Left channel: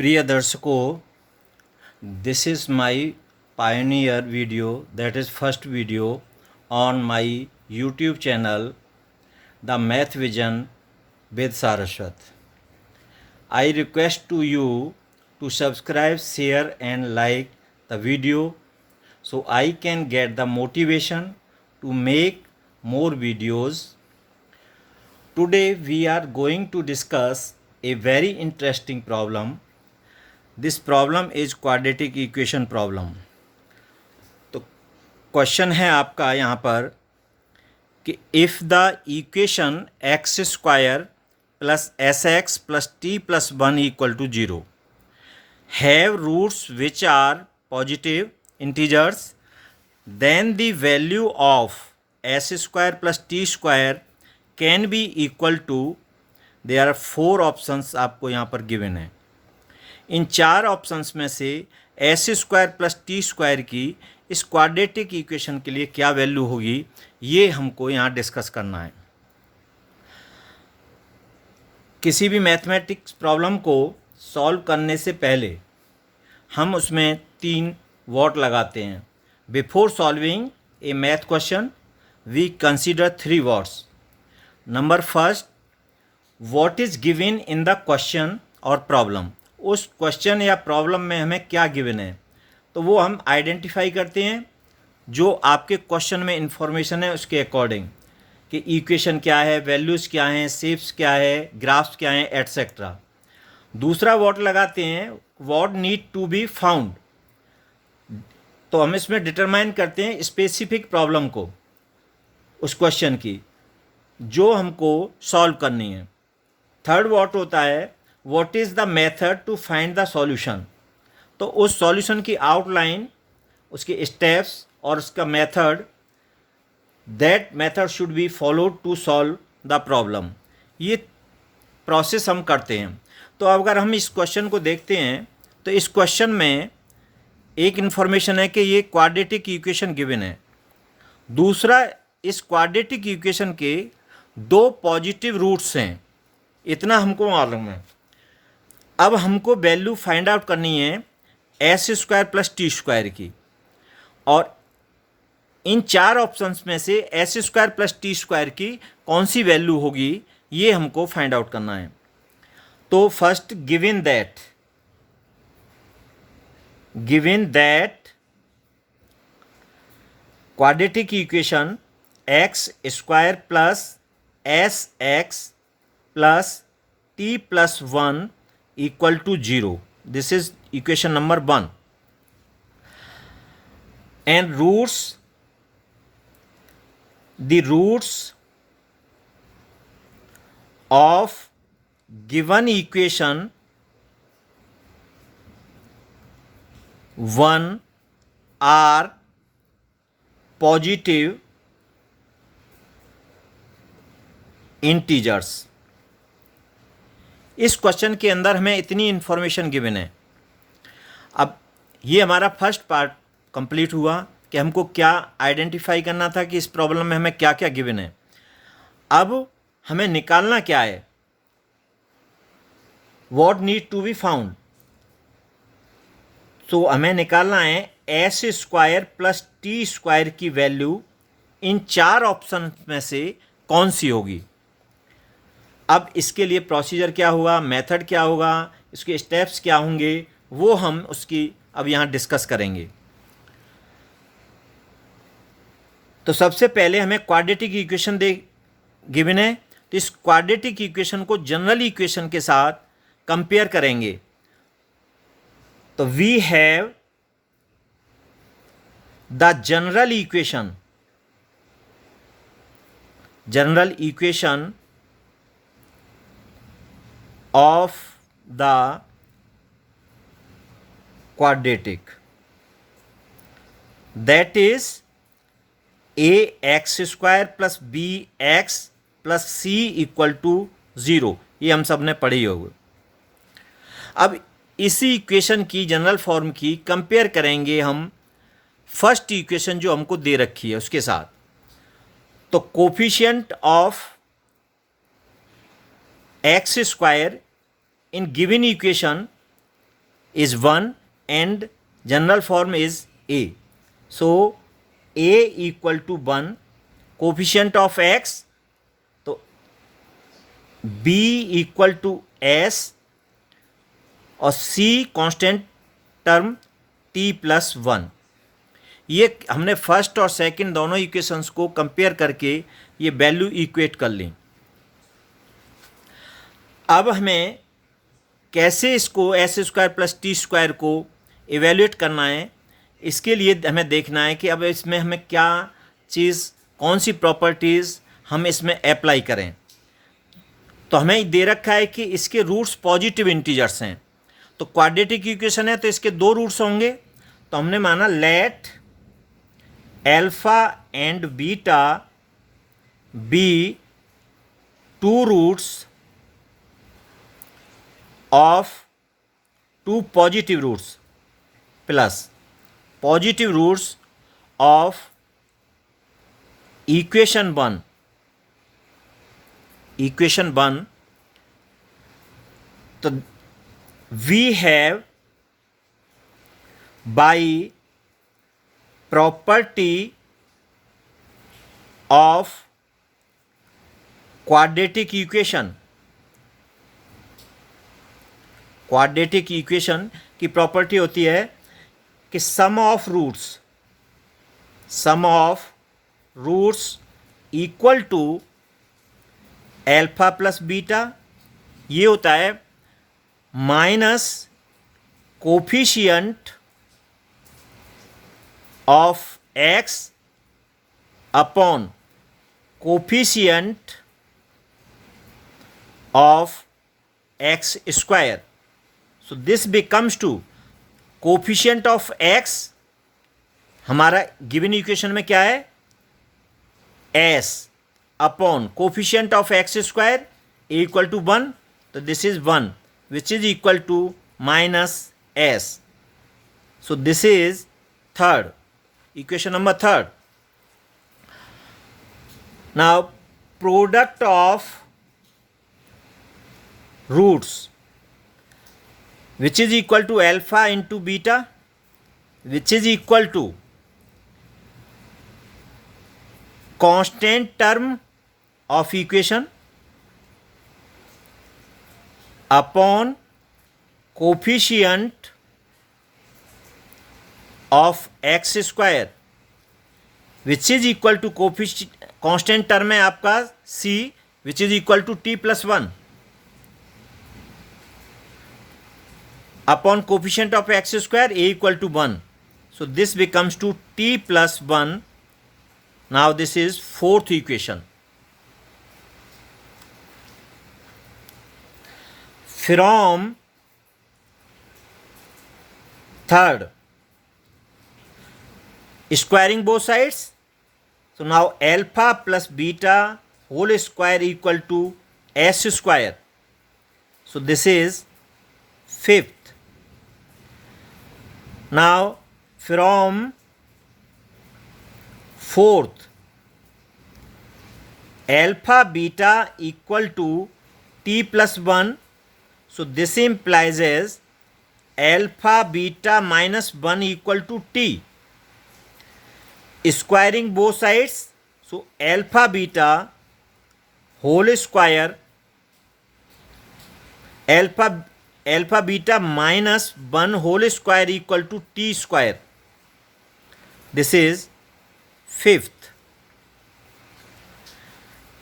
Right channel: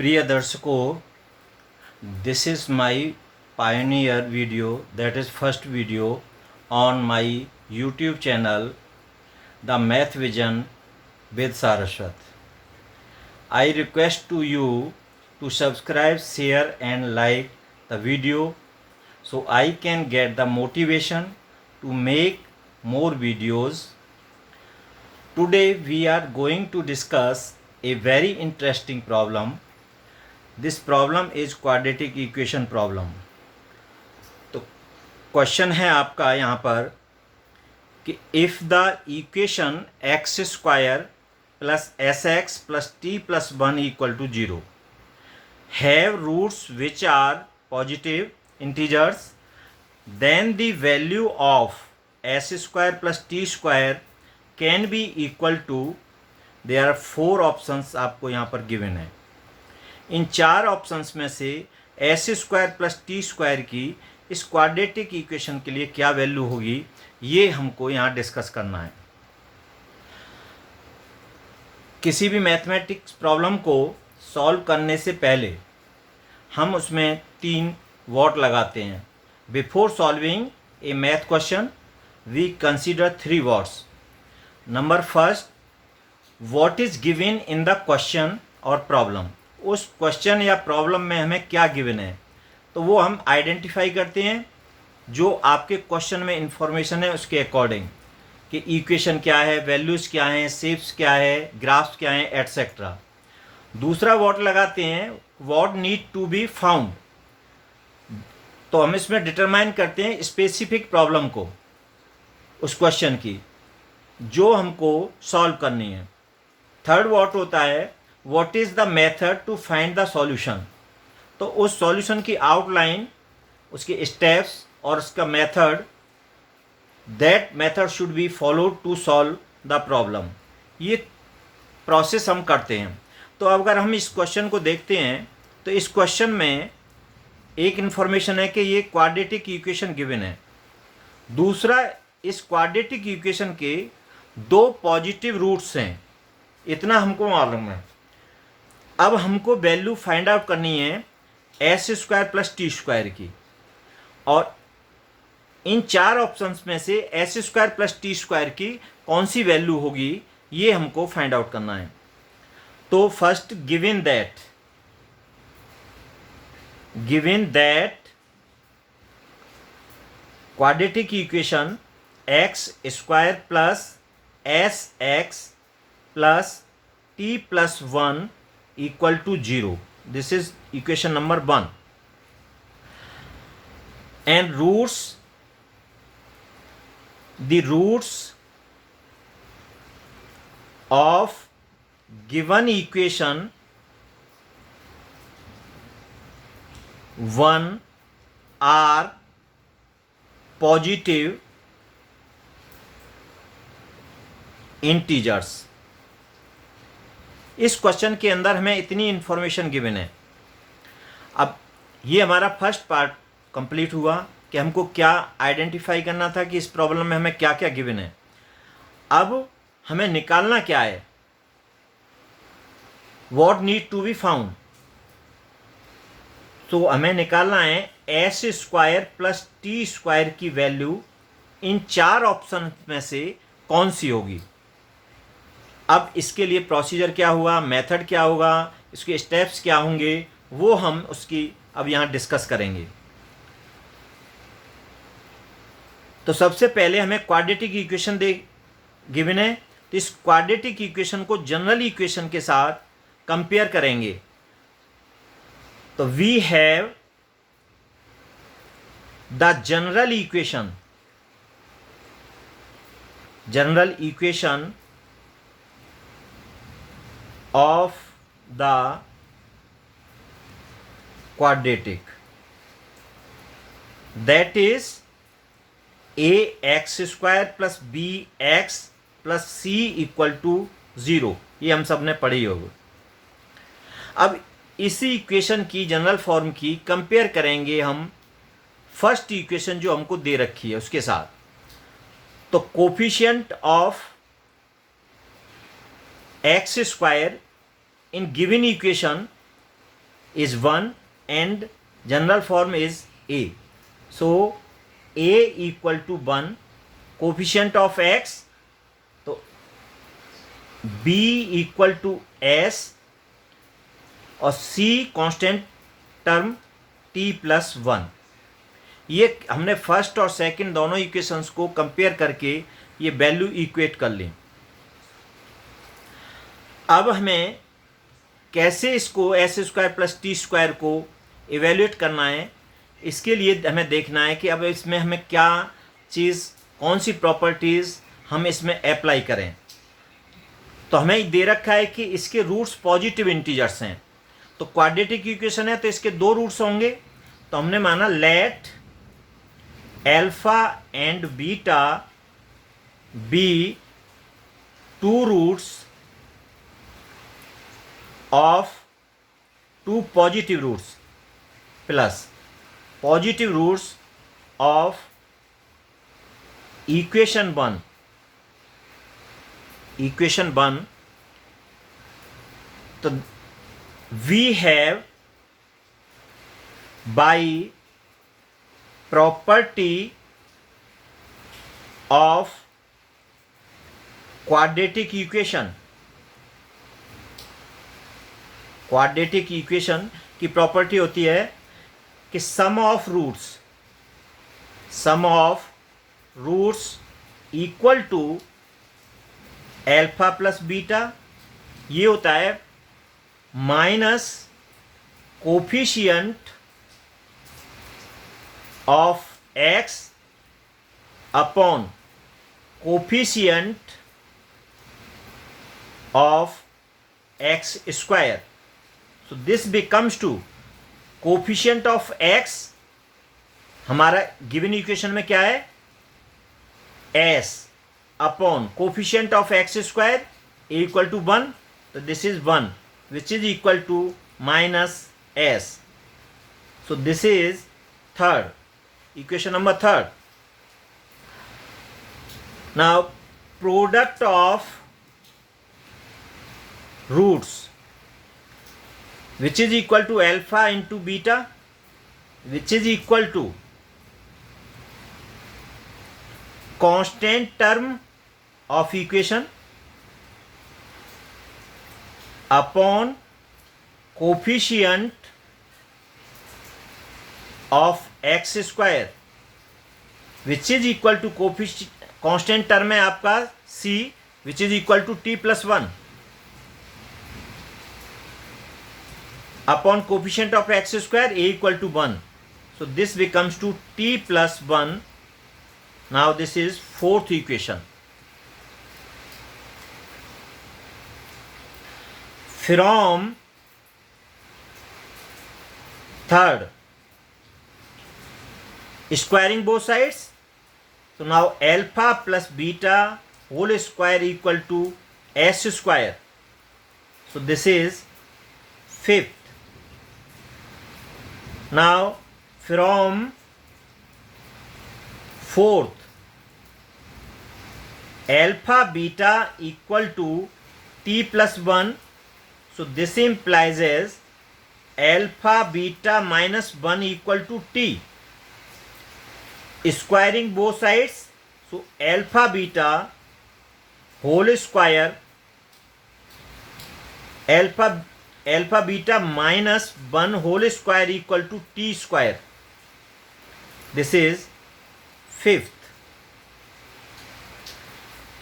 प्रिय दर्शकों, this is my pioneer video, that is first video on my YouTube channel, The Math Vision with Saraswat. I request to you to subscribe, share and like the video so I can get the motivation to make more videos. Today we are going to discuss a very interesting problem. This problem is quadratic equation problem. तो question है आपका यहाँ पर कि if the equation X square plus S X plus T plus one equal to zero have roots which are positive integers then the value of s square plus t square can be equal to, there are 4 options आपको यहाँ पर given है. इन 4 options में से S square plus T square की इस quadratic equation के लिए क्या वैल्यू होगी, ये हमको यहाँ डिस्कस करना है. किसी भी मैथमेटिक्स प्रॉब्लम को सॉल्व करने से पहले हम उसमें 3 वॉट लगाते हैं. Before solving a math question we consider 3 whats. Number first, what is given in the question और प्रॉब्लम. उस क्वेश्चन या प्रॉब्लम में हमें क्या गिवन है तो वो हम आइडेंटिफाई करते हैं जो आपके क्वेश्चन में इंफॉर्मेशन है उसके अकॉर्डिंग कि इक्वेशन क्या है, वैल्यूज़ क्या हैं, शेप्स क्या है, ग्राफ्स क्या हैं, एट्सेट्रा. दूसरा वॉट लगाते हैं what need to be found. तो हम इसमें डिटरमाइन करते हैं स्पेसिफिक प्रॉब्लम को, उस क्वेश्चन की जो हमको सॉल्व करनी है. थर्ड वॉट होता है what is the method to find the solution. तो उस सॉल्यूशन की आउटलाइन, उसके स्टेप्स और उसका method, that method should be followed to solve the problem. ये प्रोसेस हम करते हैं. तो अगर हम इस क्वेश्चन को देखते हैं तो इस क्वेश्चन में एक इन्फॉर्मेशन है कि ये क्वाड्रेटिक इक्वेशन गिवन है. दूसरा, इस क्वाड्रेटिक इक्वेशन के 2 पॉजिटिव रूट्स हैं, इतना हमको मालूम है. अब हमको वैल्यू फाइंड आउट करनी है S square plus T square की, और इन 4 ऑप्शंस में से S square plus T square की कौन सी वैल्यू होगी ये हमको फाइंड आउट करना है. तो first, given that quadratic equation X square plus S X plus T plus one equal to 0. This is equation number 1. And the roots of given equation 1 are positive integers. इस question के अंदर हमें इतनी information given है. अब ये हमारा first part complete हुआ कि हमको क्या आइडेंटिफाई करना था कि इस प्रॉब्लम में हमें क्या क्या गिवन है. अब हमें निकालना क्या है, what need to be found. तो हमें निकालना है S square plus T square की वैल्यू इन 4 ऑप्शन में से कौन सी होगी. अब इसके लिए प्रोसीजर क्या हुआ, मेथड क्या होगा, इसके स्टेप्स क्या होंगे, वो हम उसकी अब यहाँ डिस्कस करेंगे. तो सबसे पहले हमें क्वाड्रेटिक इक्वेशन गिवन है, तो इस क्वाड्रेटिक इक्वेशन को जनरल इक्वेशन के साथ कंपेयर करेंगे. तो we have the general equation of the quadratic, that is ax square plus bx plus c equal to 0. ये हम सब ने पढ़ी होगी. अब इसी इक्वेशन की जनरल फॉर्म की कंपेयर करेंगे हम फर्स्ट इक्वेशन जो हमको दे रखी है उसके साथ. तो coefficient of x square in given equation is 1 and general form is a. So a equal to 1, coefficient of x, तो b equal to s और c constant term t plus 1. ये हमने फर्स्ट और सेकंड दोनों equations को compare करके ये value equate कर ली. अब हमें कैसे इसको S square plus T square को इवेल्यूएट करना है, इसके लिए हमें देखना है कि अब इसमें हमें क्या चीज़, कौन सी प्रॉपर्टीज़ हम इसमें अप्लाई करें. तो हमें दे रखा है कि इसके रूट्स पॉजिटिव इंटीजर्स हैं, तो क्वाड्रेटिक इक्वेशन है तो इसके दो रूट्स होंगे. तो हमने माना let alpha and beta be two roots of two positive roots plus positive roots of equation 1. So we have by property of quadratic equation की प्रॉपर्टी होती है कि sum of roots equal to alpha plus beta, ये होता है minus coefficient of x upon coefficient of x square. So this becomes to coefficient of x, हमारा given equation में क्या है, s upon coefficient of x square a equal to 1, तो this is 1 which is equal to minus s. So this is third equation number third. Now product of roots which is equal to alpha into beta, which is equal to constant term of equation upon coefficient of x square, which is equal to coefficient constant term है आपका c, which is equal to t plus 1 upon coefficient of x square a equal to 1. So this becomes to t plus 1. Now this is fourth equation. From third, squaring both sides. So now alpha plus beta whole square equal to s square. So this is fifth. Now from fourth, alpha beta equal to t plus 1. So this implies as alpha beta minus 1 equal to t. Squaring both sides, so alpha beta whole square, alpha beta minus 1 whole square equal to t square. This is fifth.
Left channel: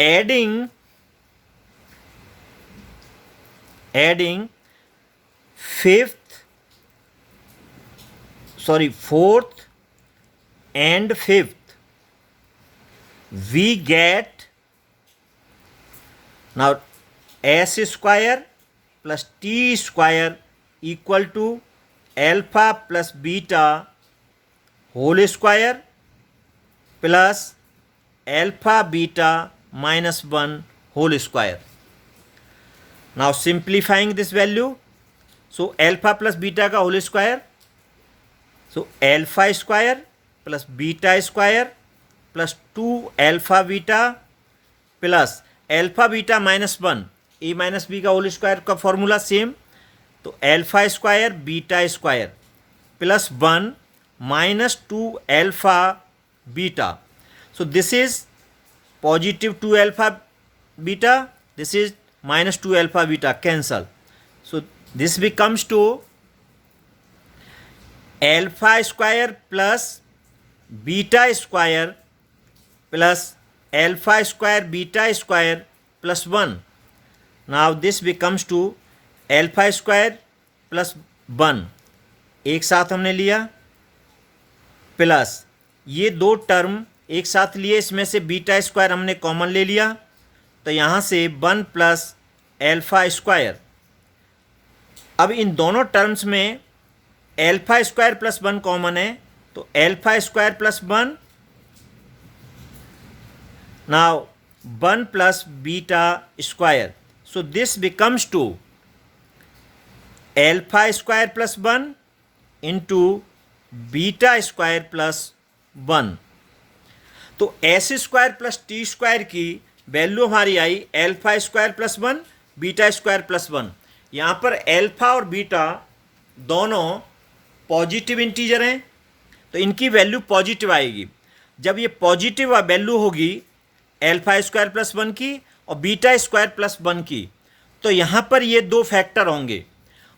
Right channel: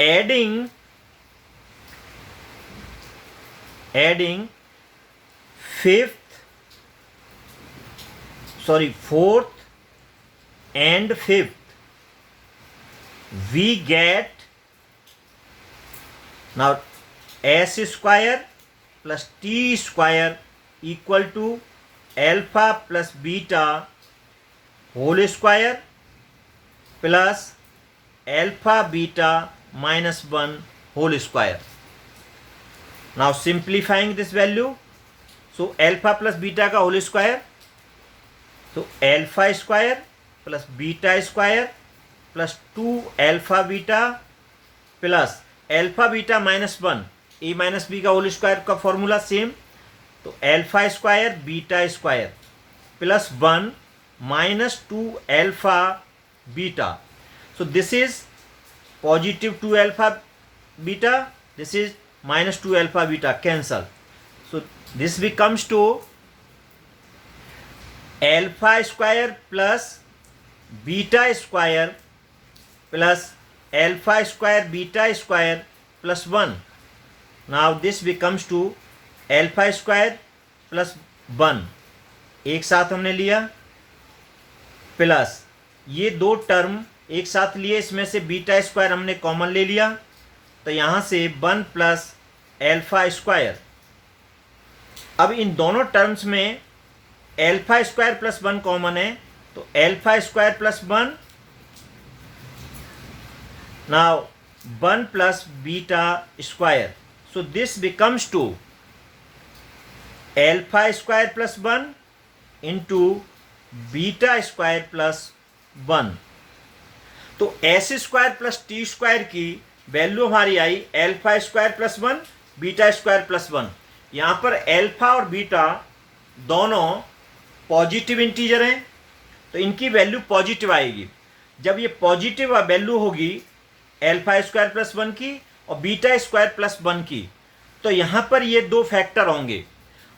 Adding fourth and fifth, we get now s square plus t square equal to alpha plus beta whole square plus alpha beta minus 1 whole square. Now simplifying this value, so alpha plus beta का whole square, so alpha square plus beta square plus 2 alpha beta plus alpha beta minus 1 a minus B का whole square का formula same, तो alpha square beta square plus 1 minus 2 alpha beta. So this is positive 2 alpha beta, this is minus 2 alpha beta, cancel. So this becomes to alpha square plus beta square plus alpha square beta square plus 1. Now this becomes to alpha square plus 1, एक साथ हमने लिया, plus ये दो term एक साथ लिए, इसमें से बीटा स्क्वायर हमने कॉमन ले लिया, तो यहाँ से 1 प्लस एल्फा स्क्वायर. अब इन दोनों टर्म्स में एल्फा स्क्वायर प्लस 1 कॉमन है, तो alpha square plus 1, now 1 plus beta square. So this becomes two alpha square plus 1 into beta square plus 1. तो S square plus T square की value हमारी आई alpha square plus 1 beta square plus 1. यहाँ पर alpha और beta दोनों positive integer हैं, तो इनकी वैल्यू पॉजिटिव आएगी. जब ये पॉजिटिव वैल्यू होगी एल्फा स्क्वायर प्लस 1 की और बीटा स्क्वायर प्लस 1 की, तो यहाँ पर ये दो फैक्टर होंगे.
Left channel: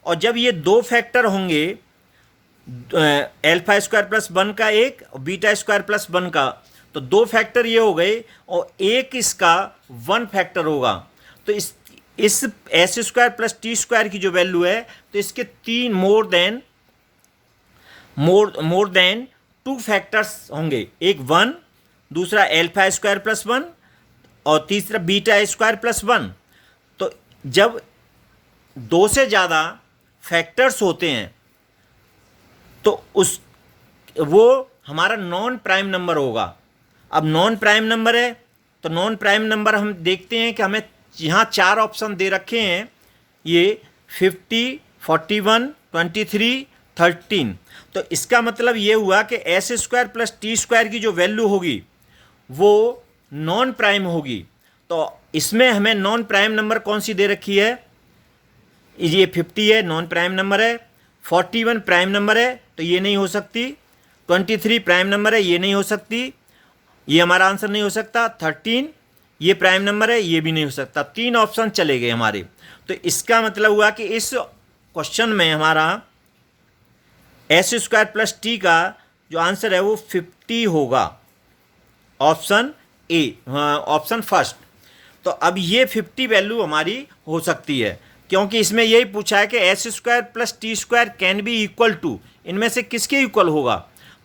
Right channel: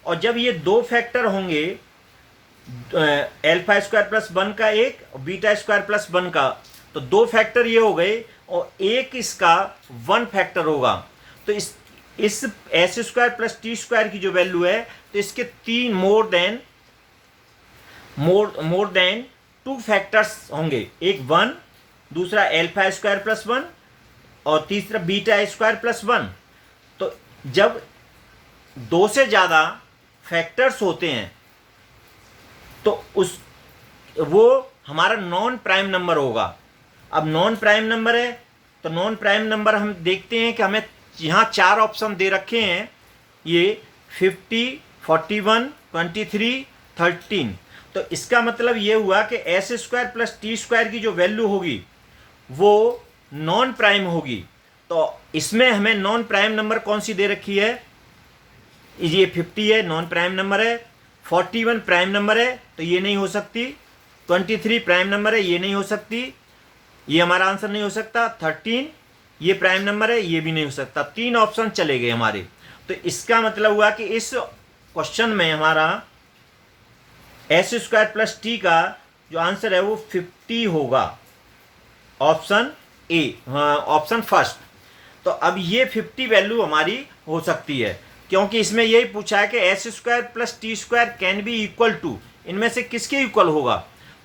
और जब ये दो फैक्टर होंगे एल्फा स्क्वायर प्लस 1 का एक और बीटा स्क्वायर प्लस 1 का, तो दो फैक्टर ये हो गए और एक इसका 1 फैक्टर होगा. तो इस S square plus T square की जो वैल्यू है, तो इसके 3 मोर देन 2 फैक्टर्स होंगे. एक 1, दूसरा एल्फा स्क्वायर प्लस 1 और तीसरा बीटा स्क्वायर प्लस 1. तो जब 2 से ज़्यादा फैक्टर्स होते हैं तो वो हमारा नॉन प्राइम नंबर होगा. अब नॉन प्राइम नंबर है, तो नॉन प्राइम नंबर हम देखते हैं कि हमें यहाँ 4 ऑप्शन दे रखे हैं, ये 50, 41, 23, 13. तो इसका मतलब ये हुआ कि S square plus T square की जो वैल्यू होगी वो नॉन प्राइम होगी. तो इसमें हमें नॉन प्राइम नंबर कौन सी दे रखी है, ये 50 है, नॉन प्राइम नंबर है. 41 प्राइम नंबर है, तो ये नहीं हो सकती. 23 प्राइम नंबर है, ये नहीं हो सकती, ये हमारा आंसर नहीं हो सकता. 13 ये प्राइम नंबर है, ये भी नहीं हो सकता. 3 ऑप्शन चले गए हमारे. तो इसका मतलब हुआ कि इस क्वेश्चन में हमारा एस स्क्वायर प्लस टी का जो आंसर है वो 50 होगा, ऑप्शन ए, ऑप्शन फर्स्ट. तो अब ये 50 वैल्यू हमारी हो सकती है, क्योंकि इसमें यही पूछा है कि S square plus T square can be equal to, इनमें से किसके इक्वल होगा.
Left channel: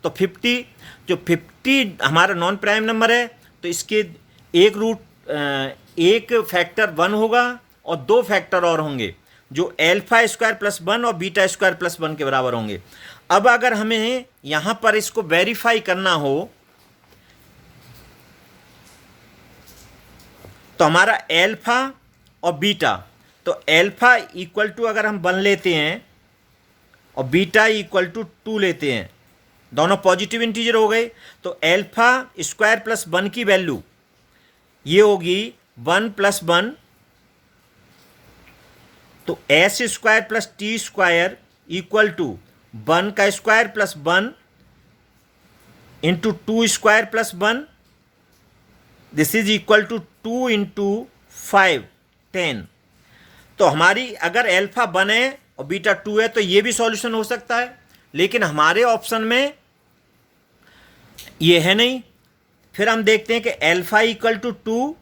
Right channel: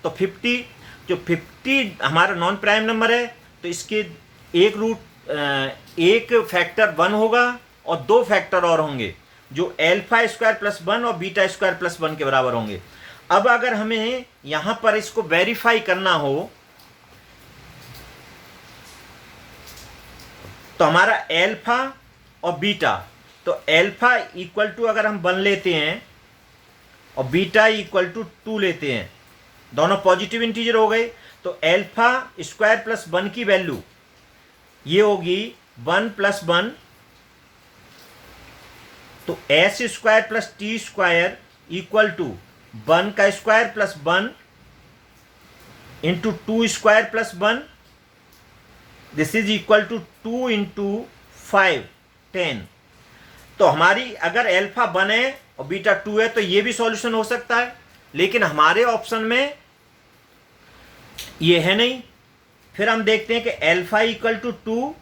तो 50, जो 50 हमारा नॉन प्राइम नंबर है, तो इसके एक फैक्टर 1 होगा और 2 फैक्टर और होंगे जो एल्फा स्क्वायर प्लस 1 और बीटा स्क्वायर प्लस 1 के बराबर होंगे. अब अगर हमें यहाँ पर इसको वेरीफाई करना हो तो हमारा एल्फा और बीटा, तो एल्फा इक्वल टू अगर हम 1 लेते हैं और बीटा इक्वल टू 2 लेते हैं, दोनों पॉजिटिव इंटीजर हो गए, तो एल्फा स्क्वायर प्लस 1 की वैल्यू ये होगी 1 प्लस 1, तो S square plus T square equal to 1 का square plus 1 into 2 square plus 1, this is equal to 2 into 5, 10. तो हमारी अगर एल्फा 1 है और बीटा 2 है तो ये भी सॉल्यूशन हो सकता है, लेकिन हमारे ऑप्शन में ये है नहीं. फिर हम देखते हैं कि एल्फा इक्वल टू 2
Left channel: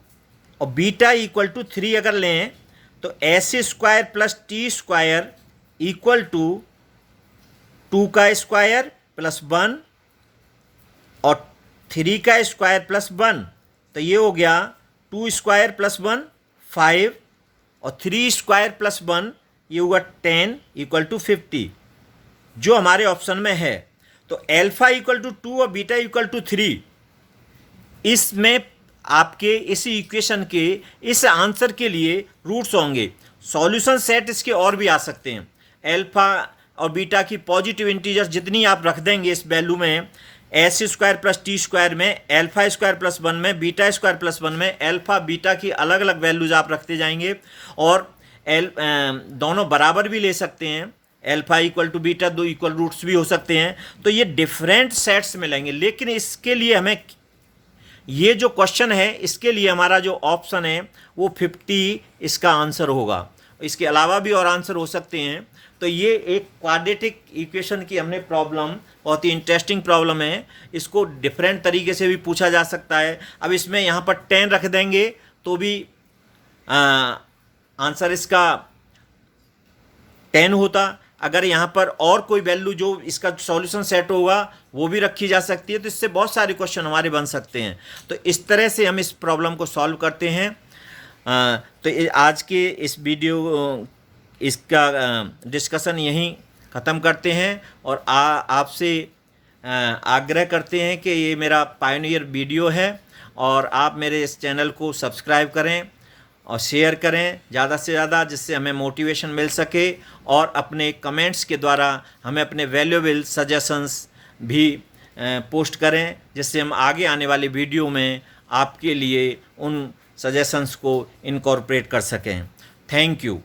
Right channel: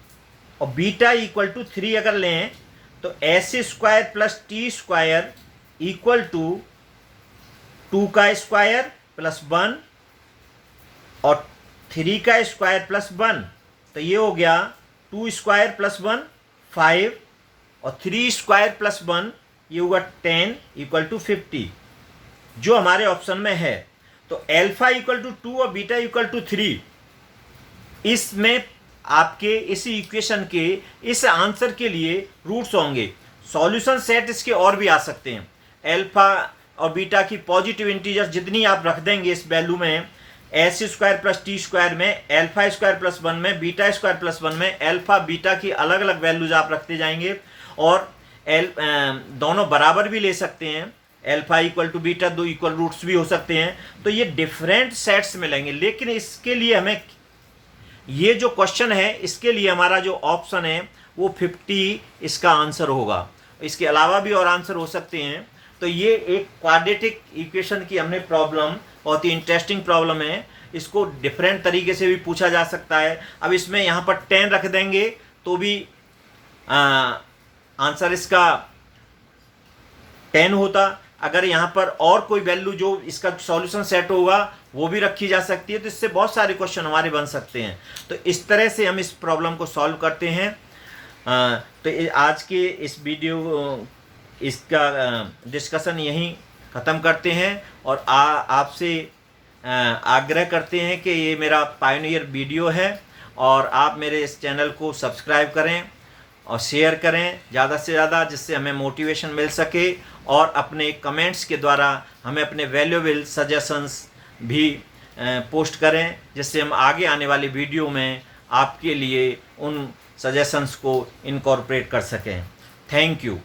और बीटा इक्वल टू 3 अगर लें, तो S square plus T square equal to 2 का स्क्वायर प्लस 1 और 3 का स्क्वायर प्लस 1, तो ये हो गया 2 स्क्वायर प्लस 1 5 और 3 स्क्वायर प्लस 1 ये हुआ 10 इक्वल टू 50, जो हमारे ऑप्शन में है. तो एल्फा इक्वल टू 2 और बीटा इक्वल टू 3, इसमें आपके इस इक्वेशन के इस आंसर के लिए रूट्स होंगे. सॉल्यूशन सेट इसके और भी आ सकते हैं. एल्फा और बीटा की पॉजिटिव इंटीजर्स जितनी आप रख देंगे इस वैल्यू में, S square plus T square में, एल्फा स्क्वायर प्लस 1 में, बीटा स्क्वायर प्लस 1 में, एल्फा बीटा की अलग अलग वैल्यूज आप रखते जाएंगे और दोनों बराबर भी ले सकते हैं, अल्फा इक्वल टू बीटा, दो इक्वल रूट्स भी हो सकते हैं। तो ये डिफरेंट सेट्स मिलेंगे, लेकिन इसके लिए हमें ये जो क्वेश्चन है इसके लिए हमारा जो ऑप्शन है वो 50 इसका आंसर होगा। इसके अलावा भी और आंसर हो सकते हैं। तो ये एक क्वाड्रेटिक इक्वेशन की हमने प्रॉब्लम, बहुत ही इंटरेस्टिंग प्रॉब्लम है। इसको डिफरेंट तरीके से भी पूछा जा सकता है। अब इसमें यहाँ पर 10 रख देंगे तो भी आंसर इसका 10 होता। अगर यहाँ पर और कोई वैल्यू जो इसका सॉल्यूशन सेट होगा वो भी रखी जा सकती है। तो इससे बहुत सारे क्वेश्चन हमारे बन सकते हैं। तो इस तरह से हम इस प्रॉब्लम को सॉल्व करते हैं। तो आज के इस वीडियो इसका डिस्कशन यहीं ख़त्म करते हैं और आपसे आग्रह करते हैं कि ये मेरा पायनियर वीडियो है और आप मेरे इस चैनल को सब्सक्राइब करें और शेयर करें ज़्यादा से ज़्यादा, जिससे हमें मोटिवेशन मिल सके। और अपने कमेंट्स के द्वारा हमें अपने वैल्यूएबल सजेशंस भी पोस्ट करें, जिससे हम आगे आने वाले वीडियो में आपके लिए उन सजेशंस को इनकॉर्पोरेट कर सकें। Thank you.